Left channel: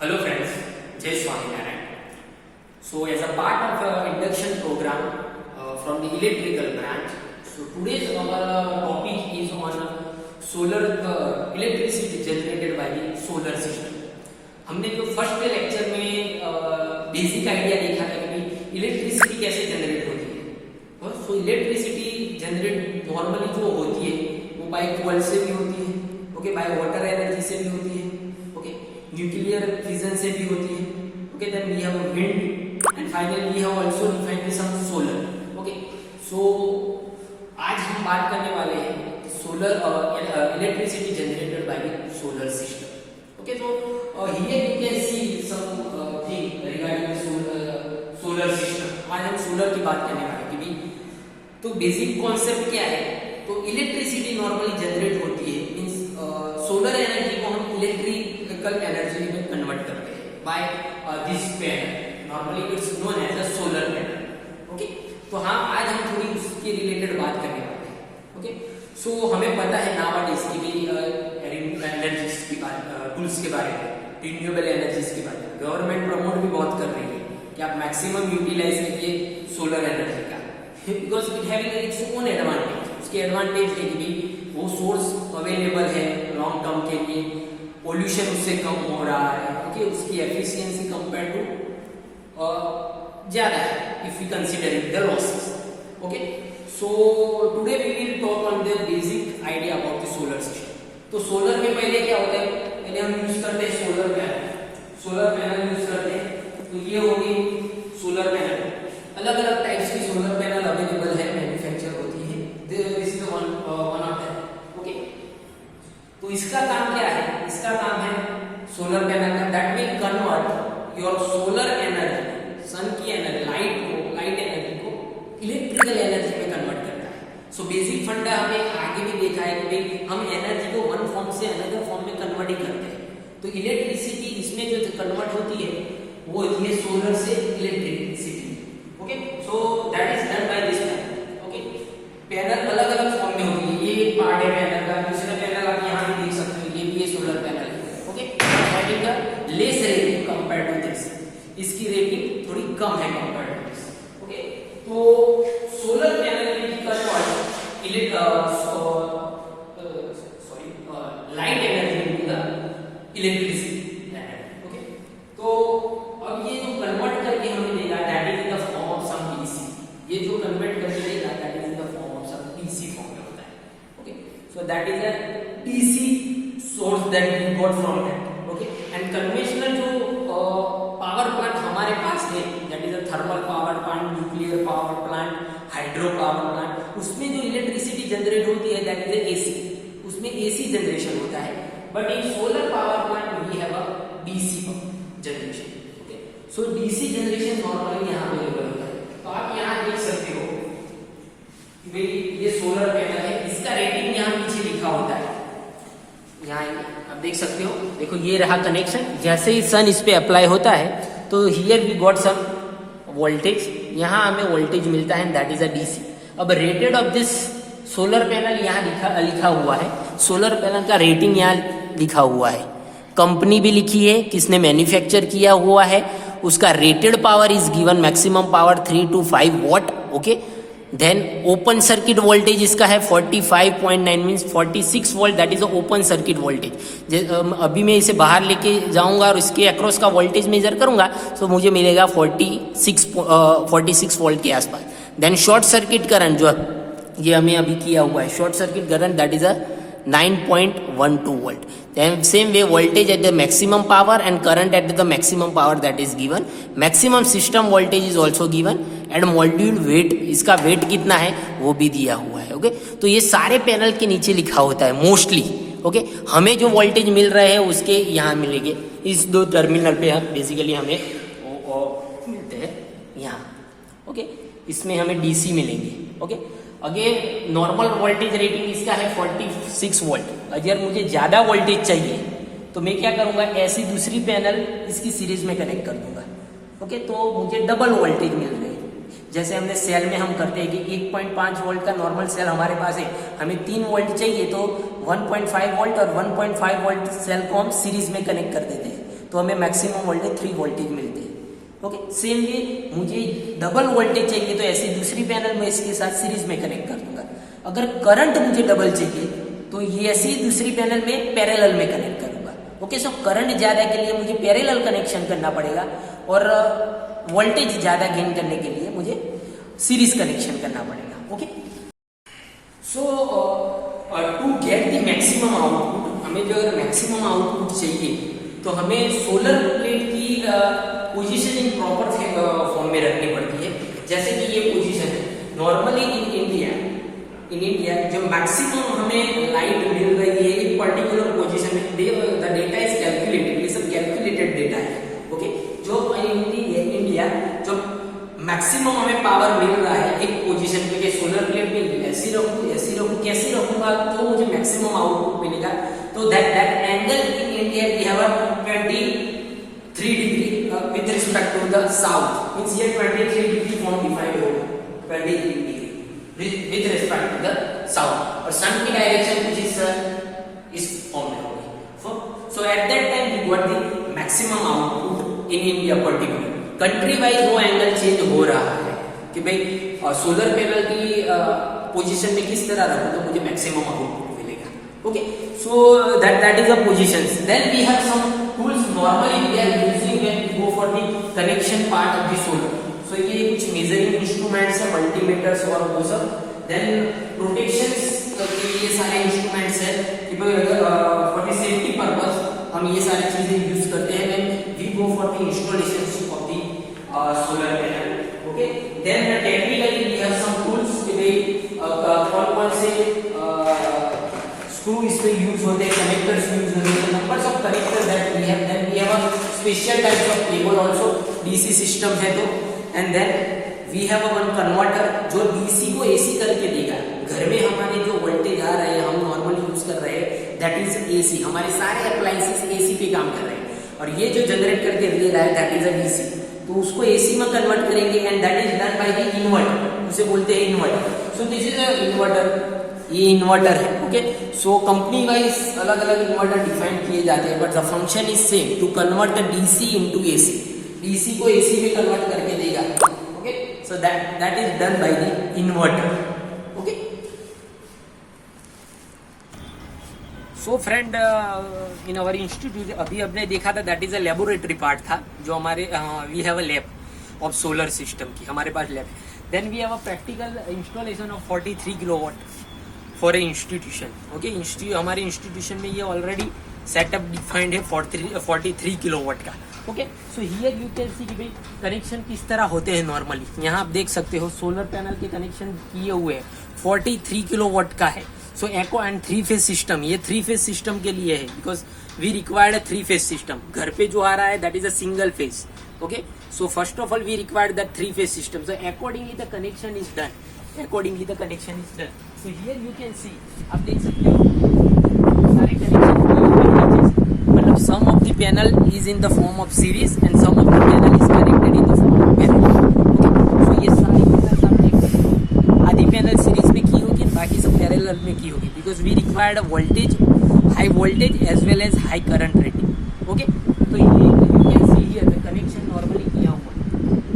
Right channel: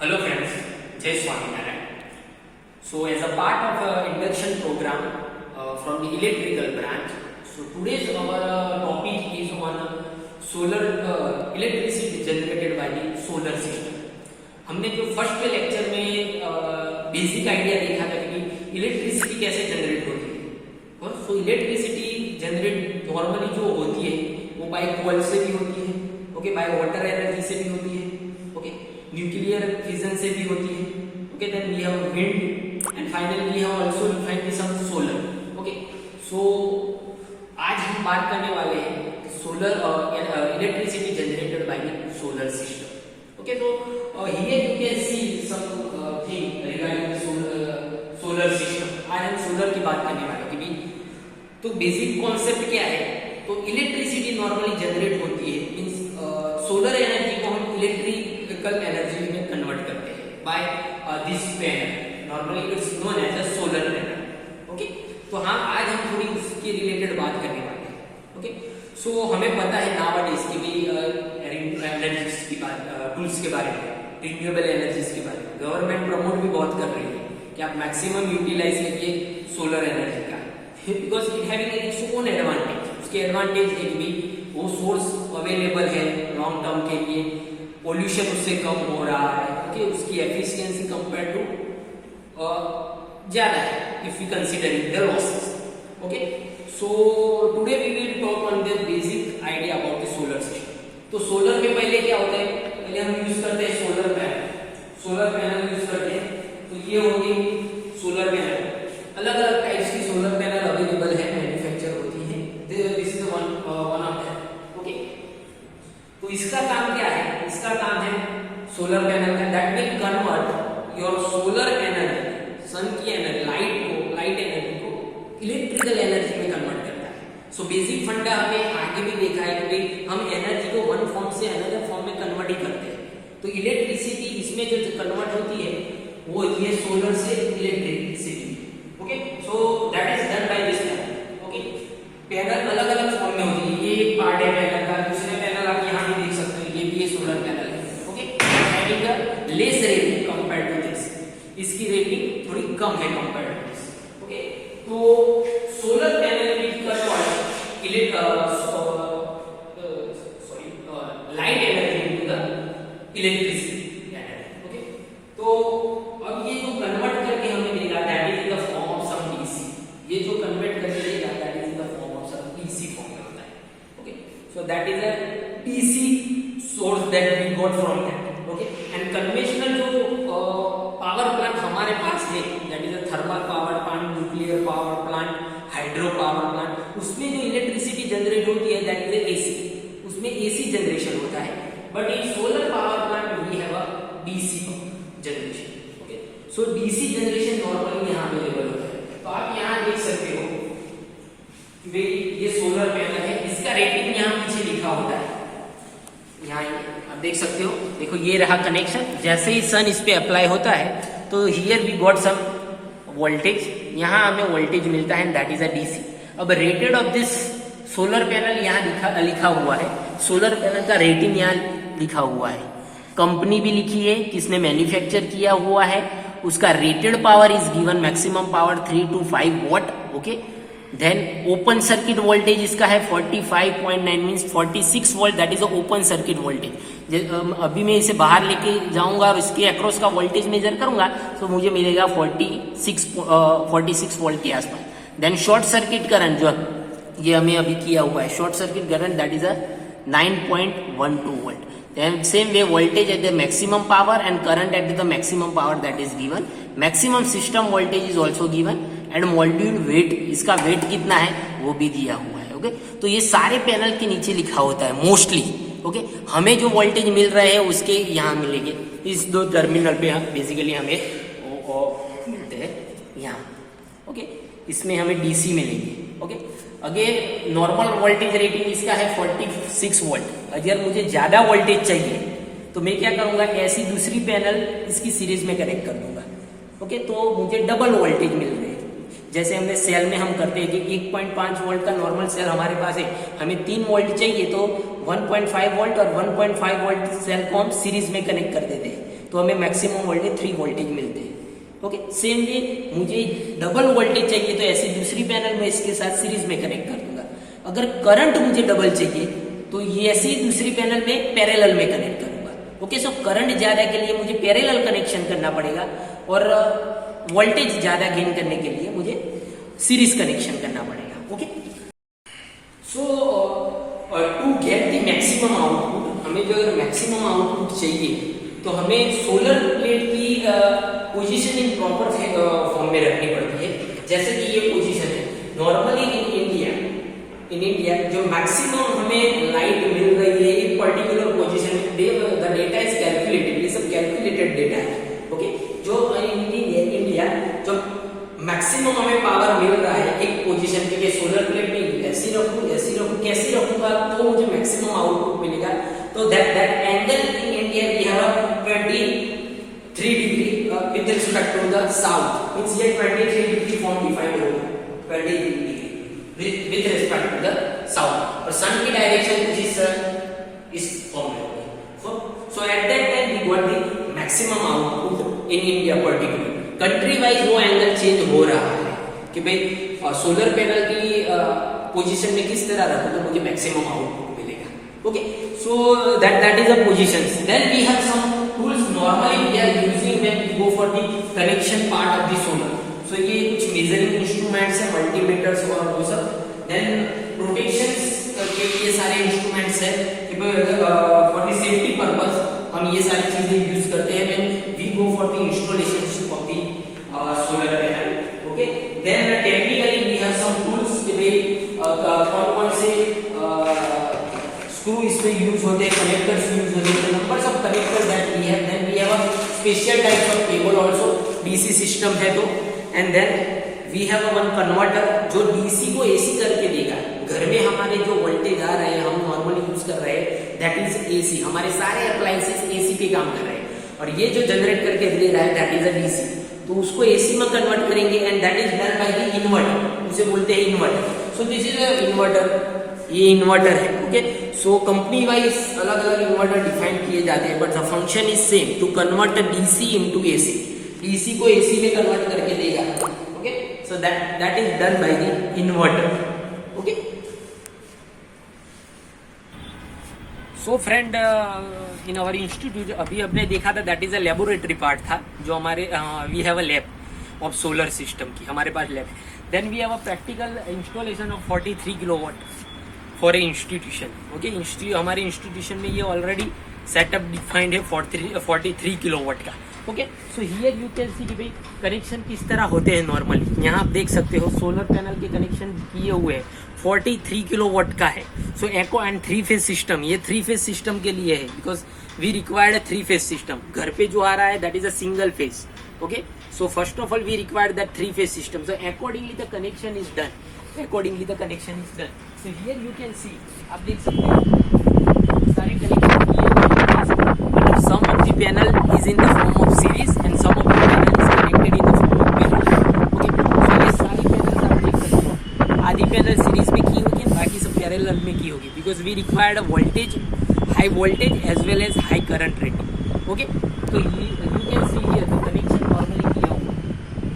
Hello friends, Jai Swaminarayan. So as a part of induction program from the electrical branch, so today's our topic is on solar electricity generated by the solar system. हमने जो first lecture में basic idea देखा था कि electricity कैसे generate होती है और सो इलेक्ट्रिसिटी जनरेट नॉर्मली जो होती है वो बाय कोल से भी होती है, ओके, बाय वाटर एनर्जी से भी होती है, ओके, न्यूक्लियर फिजन से भी होती है, okay, then we have wind and finally we have also defined this some solar, okay. So आज हम बात करने वाले हैं solar electricity generated by the solar system. Okay, so here you can see some thing regarding solar system. आज हम solar की बात करने वाले हैं कि भी तो बेसिक कॉन्सेप्ट क्या है. तो इलेक्ट्रिसिटी नॉर्मली जनरेट होती है मींस सोलर एनर्जी को हम इलेक्ट्रिकल एनर्जी में कन्वर्ट करते हैं by this panel. Normally it's known as a solar panel. Okay, तो हाँ आज हम थोड़ी उसके रिलेटेड बात करने वाले हैं. ओके, सो हमें पता है नाउअडेज की भी एनर्जीज की बात टूल्स के बारे में, रिन्यूएबल एनर्जीज के बारे में गवर्नमेंट प्रमोट भी बहुत कर रही है कि आप मैक्सिमम यूटिलाइज करिए सोलर एनर्जी का, because it having its own advantage. उसके एडवांटेज है कि भी वो सोर्स अवेलेबल है लॉन्ग टर्म के लिए, पोल्यूशन उससे कम हो रहा है, ओके, उसकी एफिशिएंसी कंपेयर टू ज्यादा है if you considering the losses. Okay, so today we will talk on the basic idea about the solar system. तो सोलर में पहले क्या होता है, पहले हम यूज करते हैं solar panel. Solar panel use करते हैं तो ये होगी सोलर पैनल. अलग अलग टाइप्स की सोलर पैनल अवेलेबल है, मैन्युफैक्चर होती है. This is one of that. Okay, तो इसका काम क्या है, इसका काम है सोलर पैनल का that will convert your solar energy, sun की एनर्जी, लाइट एनर्जी को इलेक्ट्रिकल एनर्जी में कन्वर्ट करता है. सो बेसिक फंडा हमें आगे भी देखा है कि हम एनर्जी को वन फॉर्म से अनदर फॉर्म में कन्वर्ट ही करते हैं. तो इलेक्ट्रिसिटी इसमें जो कन्वर्ट होती है वो होती है सोलर से electricity. Okay, so that is done bye this panel. Okay, panel अलग अलग फॉर्म में होती है. ये पार्ट है पैनल का, दूसरे पैनल आप यहाँ भी देख सकते हैं, ये भी है solar panel. Okay, having the less rating compare to this. इसकी रेटिंग थोड़ी कम है कंपेयर टू दिस. ओके, तो solar panel will convert light energy into the electricity energy. Okay, तो अब ये जो कन्वर्ट करके हमने देखा that is in the form of some DC. ये जो कन्वर्ट करके देखा that is in the form of some DC form में होता है. Okay, so that is a DC source that we got from that. Okay, and conventional जो power plant हमारे पास है that is a thermal power plant, nuclear power plant, hydro power plant, उसमें जो electricity generate होती है that is AC. उसमें AC generation होता है. But in solar power plant we have a DC generation. Okay, so DC generation normally यहाँ available होता है. तो आप यहाँ देख सकते हो कि भाई ये सोलर पैनल है, इसका रेटिंग यहाँ पीछे लिखा होता है. यहाँ आप देख सकते हो, देखो ये रहा कनेक्शन. जैसे ही सन इस पे अप्लाई होता है तो here we got some voltage, यहाँ हमें वोल्टेज मिलता है दैट इज अ डीसी. अब rated of this solar panel यहाँ लिखा हुआ है. सोलर पैनल का रेटिंग यहाँ लिखा हुआ है, कंपनी भी लिखी है, किसने मैन्युफैक्चर किया हुआ है, उसका rated power is given maximum power 3 to 5 watt. Okay, then open circuit voltage इसका है 45.9 means 46 volt, that is open circuit voltage. अभी मैं इसे बाहर लेके जाऊंगा और इसके अक्रॉस का वोल्टेज मेजर करूंगा तो मुझे मिलेगा 46 वोल्ट के आसपास. देन शॉर्ट सर्किट करंट जो ये हमें अभी किया हुआ है, short circuit current that is a 9.12 volt. Then same way voltage at the maximum power and current at the maximum power that is given. Maximum system voltage is also given and module weight, इसका weight कितना है वो भी दिया हुआ है. Okay, तो ये सारे पैनल के नीचे लिखा होता है मोस्टली. ओके, हमें जो वोल्टेज मिल रहे हैं उसके यहाँ मिलेंगे इस दो टर्मिनल पे. हम बेसिकली हमें मिलते हैं यहाँ. ओके, इसमें हमें डीसी मिलेंगे. Okay, again normal voltage rating इसका है 46 वोल्ट. अगर मुझे ज्यादा वोल्टेज चाहिए तो मैं क्या करूंगा, ऐसी दूसरी पैनल इसकी सीरीज में कनेक्ट कर दूंगा. ओके, तो मुझे डबल वोल्टेज मिल रहे हैं. जैसे हमने सेल में हम करते हैं कि 1.5 वोल्ट का नॉर्मल सेल हमारे पास है, हमें 3 वोल्ट चाहिए तो 1.5 वोल्ट और 1.5 वोल्ट सेल को हम सीरीज में कनेक्ट कर देते हैं, तो हमें मैक्सिमम वोल्टेज 3 वोल्टेज मिलते हैं। ओके, सेम वे मुझे डबल वोल्टेज चाहिए तो ऐसी दूसरी पैनल में इसके साथ सीरीज में कनेक्ट कर दूंगा। अगर करंट मुझे डबल चाहिए तो ये ऐसी दूसरी पैनल में पैरेलल में कनेक्ट करूंगा। ओके, सो करंट ज्यादा के लिए मुझे पैरेलल कनेक्शन करना पड़ेगा और वोल्टेज ज्यादा गेन करने के लिए मुझे सीरीज कनेक्शन करना पड़ेगा। Okay, so to get the maximum output, हमें जो अगर मैक्सिमम आउटपुट चाहिए तो हमें सोलर प्लेट की पोजीशन इन प्रॉपर फॉर्म में रखनी पड़ती है। जैसे कि ये पोजीशन है, नॉर्मली इन इंडिया जो मैक्सिमम हमें लाइट मिल रही है एक पर्टिकुलर पोजीशन में, द डेटा इज कैलकुलेटेड, ये सब कैलकुलेटेड डेटा है। ओके, जो इंडिया जो मैक्सिमम हमें पावर मिल रहा है एक पोजीशन पे, सोलर प्लेट में ऐसी रखूं कैसी रखूंगा तो मुझे मैक्सिमम आउटपुट मिलेगा। तो that angle in India we have 23 degree with respect to the south, means ये 23 डिग्री फॉर्म डिफाइंड होगा, 23 degree with respect to the south, और सन की डायरेक्शन कुछ इस फॉर्म में होगी। So at that time we got the maximum output in India particular. Country wise वो angle change हो रहा है कि भाई सोलर पैनल की पोजीशन में किस तरह रखो तो मुझे मैक्सिमम आउटपुट मिलेगा। Okay, so that is the positions. Then we have some tools normally we are using when we go for the connection part of the solar. So ये कुछ मेजरिंग इंस्ट्रूमेंट्स है, मल्टीमीटर्स और वो सब। Then protections के लिए सारे instruments है कि भाई अगर फॉर द सेफ्टी पर्पस हम ये सारी चीजें यूज करते हैं when we go for the installation of the solar panel. Okay, then technically we have some tools कि भाई कौन से स्क्रू इसमें यूज होते हैं, कनेक्टर्स यूज होते हैं, numbers of connectors that we have. Then we have a special types of cable also, DC system है तो, and then we have a one converter जो डीसी को एसी करके देगा। घर में हमारे जो वोल्टेज आ रहे हैं हम नॉर्मली यूज कर रहे हैं दैट इज एसी, हमारे सारे अप्लायंसेस एसी पे काम कर रहे हैं, और ये जो जनरेट करके दे रहा है दैट इज अ डीसी, तो उसको एसी में कन्वर्ट करेंगे and that is done by the inverter, उसे बोलते हैं inverter. So this is a inverter, ये इन्वर्टर है। ओके, सो कंपनी वाइज अलग अलग इन्वर्टर डिफाइन किए जाते हैं, but the function is same, to convert the DC into AC, DC को एसी में कन्वर्ट करके देगा। Okay, so that is done by the inverter. Okay, so friend in our institute अभी हमने देखा था that is a laboratory part था, जो हमारे we have a lab of solar system की, हमारे पास लैब है। Then we have a practical installation of 43 kilowatt for a institution. Okay, हमारे इंस्टीट्यूशन में ये ऑलरेडी सेटअप डिफाइंड है 43 किलोवाट का। Okay, so here you can see कि भाई कनेक्शन किस तरह होते हैं नॉर्मली। यहाँ आप देख सकते हो सोलर पैनल के कनेक्शन किए हुए हैं, 43 किलोवाट का है। सो एको एंड 3 फेज सिस्टम, ये 3 फेज सिस्टम के लिए है because we required a 3 phase system. घर पे जो आ रहा है that is a single phase. Okay, so first of all we required that 3 phase system, so accordingly the connection is done. So here you can see, आप देख सकते हो सारे कनेक्शन, मतलब some of the panel is in the form of series and some of the panel is connected in the form of parallel. Okay, so ये सारी panels आप देख सकते हो, आधी पैनल सीरीज में की होगी, बाकी सब पैरेलल में की होगी, because we required a voltage, high voltage as well as high current rating. Okay, तो ये you can see here the connection normally किया हुआ है।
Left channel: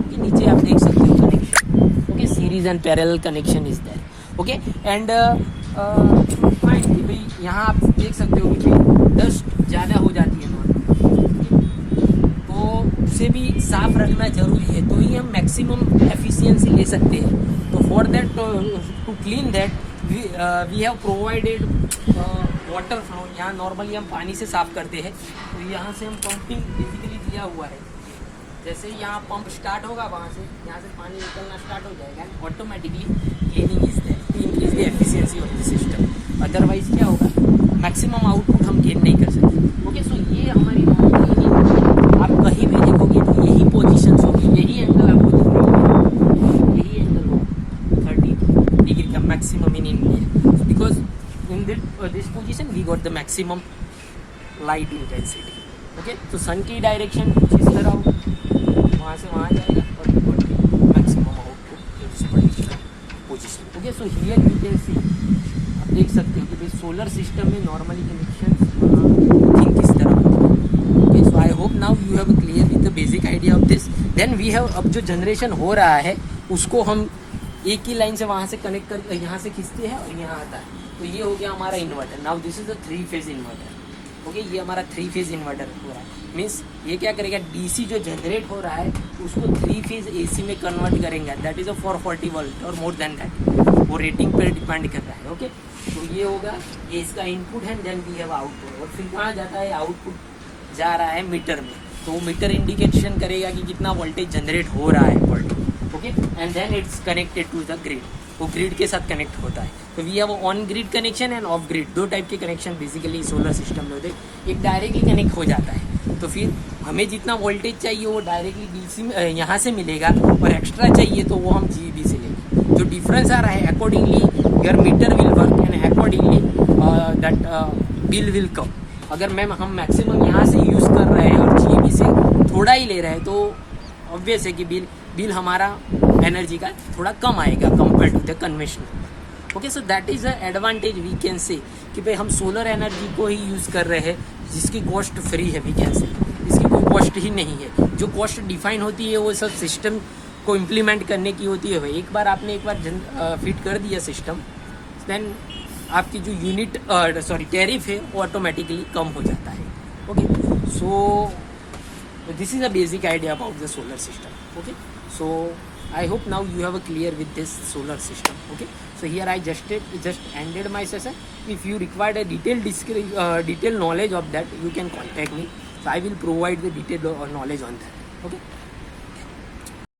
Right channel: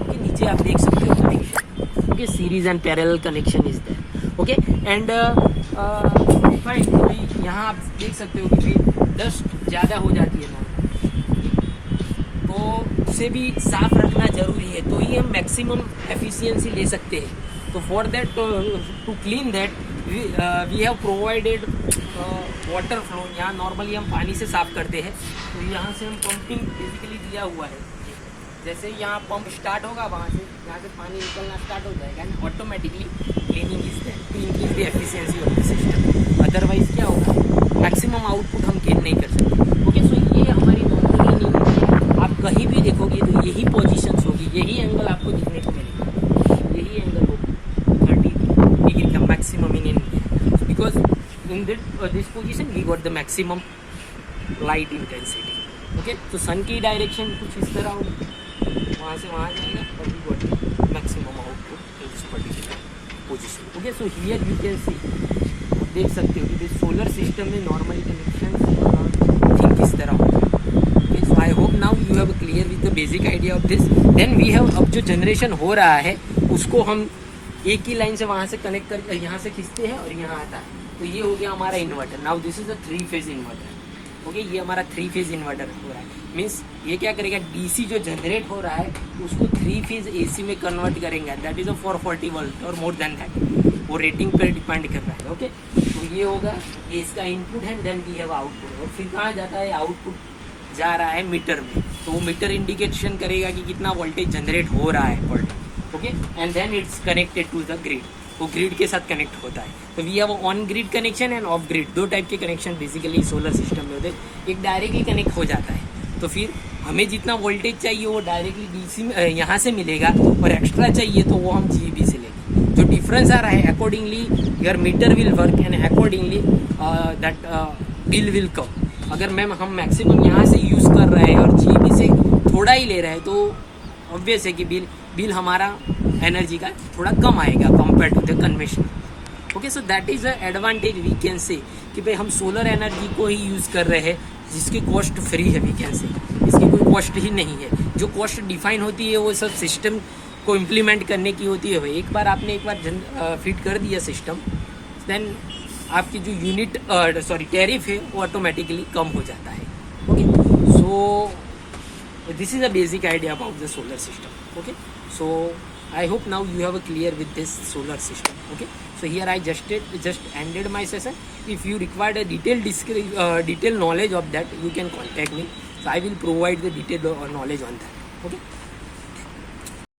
ओके, नीचे आप देख सकते हो connection. Okay, series and parallel connection is there. Okay, and यहाँ आप देख सकते हो कि डस्ट ज़्यादा हो जाती है नॉर्मल, तो उसे भी साफ रखना जरूरी है, तो ही हम मैक्सिमम एफिशिएंसी ले सकते हैं। तो for that to clean that we have provided water flow. यहाँ नॉर्मली हम पानी से साफ करते हैं, तो यहाँ से हम पंपिंग बेसिकली दिया हुआ है। जैसे यहाँ पंप स्टार्ट होगा, वहाँ से यहाँ से पानी निकलना स्टार्ट हो जाएगा and automatically cleaning is there to increase the efficiency of the system. Otherwise क्या होगा, मैक्सिमम आउटपुट हम गेन नहीं कर सकते। ओके, सो ये हमारी नॉर्मली आप कहीं भी देखोगे तो यही पोजीशंस होगी, यही एंगल आपको दिखने को, यही एंगल होगा 30 डिग्री का maximum in India, because in this position we got the maximum light intensity. Okay, तो सन की डायरेक्शन कुछ इस तरह होगी, वहाँ से वहाँ जाएगा और we got the maximum output position. Okay, so here you can see, आप देख सकते हो कि भाई सोलर सिस्टम में नॉर्मली कनेक्शन थिंक किस तरह होता है. Okay, so I hope now you have clear with the basic idea of this. Then we have, अब जो जनरेशन हो रहा है उसको हम एक ही लाइन से वहाँ से कनेक्ट कर यहाँ से खींचते हैं और यहाँ आता है. तो ये हो गया हमारा inverter. Now this is a 3 phase inverter. Okay, ये हमारा 3 फेज इन्वर्टर हो रहा है. मीन्स ये क्या करेगा, डीसी जो जनरेट हो रहा है उसको 3 फेज एसी में कन्वर्ट करेंगे. दैट इज अ 440 वोल्ट और मोर देन दैट. वो रेटिंग पर डिपेंड कर रहा है. ओके, तो ये होगा, ये इसका इनपुट है. Then we have output. और फिर कहाँ जाता है, आउटपुट जा रहा है मीटर में. तो वो मीटर इंडिकेशन करेगा कि कितना वोल्टेज जनरेट हो रहा है per day. Okay, and then it's connected to the grid. वो ग्रिड के साथ कनेक्ट होता है. तो we have on grid connection and off grid. 2 type के कनेक्शन बेसिकली सोलर सिस्टम में होते हैं. एक डायरेक्टली कनेक्ट हो जाता है, तो फिर हमें जितना वोल्टेज चाहिए वो डायरेक्टली डीसी में यहाँ से मिलेगा, और एक्स्ट्रा चाहिए तो वो हम जीबी से लेंगे. जो डिफरेंस आ रहा है accordingly your meter will work and accordingly that bill will come. अगर मैम हम मैक्सिमम यहाँ से यूज़ कर रहे हैं और जीबी से थोड़ा ही ले रहे हैं तो ऑब्वियस है कि बिल हमारा एनर्जी का थोड़ा कम आएगा compare to the conventional. Okay, so that is the advantage we can say कि भाई हम सोलर एनर्जी को ही यूज़ कर रहे हैं जिसकी कॉस्ट फ्री है. वी कैन से इसकी कोई कॉस्ट ही नहीं है. जो कॉस्ट डिफाइन होती है वो सब सिस्टम को इम्प्लीमेंट करने की होती है. एक बार आपने फिट कर दिया सिस्टम, देन आपकी जो यूनिट टैरिफ है वो ऑटोमेटिकली कम हो जाता है. Okay, so this is a basic idea about the solar system. Okay, so I hope now you have a clear with this solar system. Okay, so here I just ended my session. If you require a detailed knowledge of that, you can contact me. So I will provide the detailed knowledge on that. Okay.